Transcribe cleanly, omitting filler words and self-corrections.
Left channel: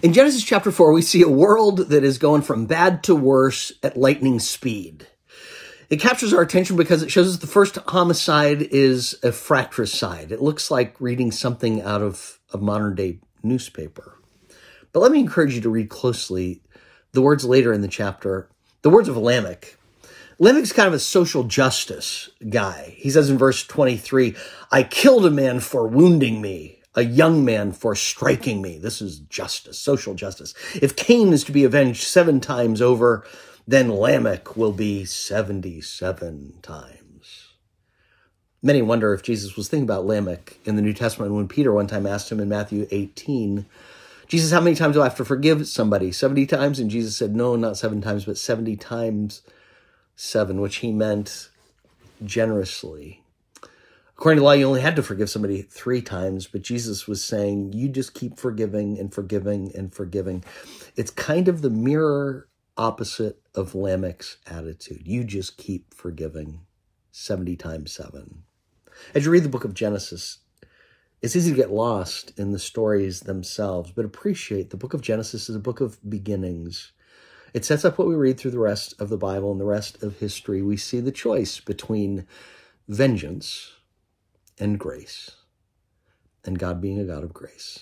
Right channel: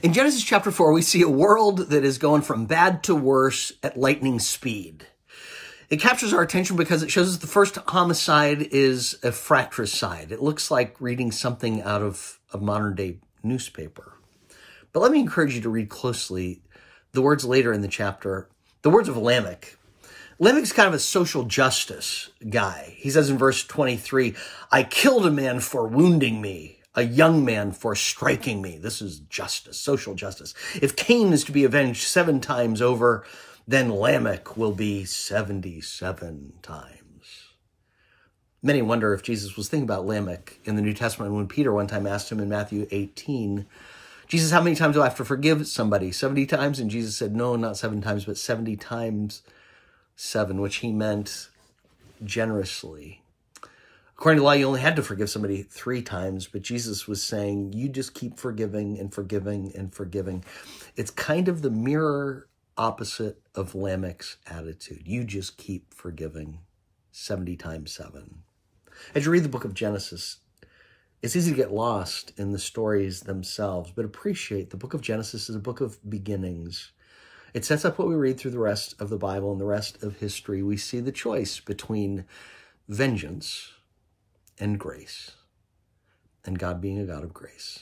In Genesis chapter 4, we see a world that is going from bad to worse at lightning speed. It captures our attention because it shows us the first homicide is a fratricide. It looks like reading something out of a modern-day newspaper. But let me encourage you to read closely the words later in the chapter, the words of Lamech. Lamech's kind of a social justice guy. He says in verse 23, "I killed a man for wounding me, a young man for striking me." This is justice, social justice. "If Cain is to be avenged 7 times over, then Lamech will be 77 times. Many wonder if Jesus was thinking about Lamech in the New Testament when Peter one time asked him in Matthew 18, "Jesus, how many times do I have to forgive somebody? 70 times? And Jesus said, "No, not 7 times, but 70 times 7, which he meant generously. According to the law, you only had to forgive somebody 3 times, but Jesus was saying, you just keep forgiving and forgiving and forgiving. It's kind of the mirror opposite of Lamech's attitude. You just keep forgiving 70 times 7. As you read the book of Genesis, it's easy to get lost in the stories themselves, but appreciate the book of Genesis is a book of beginnings. It sets up what we read through the rest of the Bible and the rest of history. We see the choice between vengeance and grace, and God being a God of grace.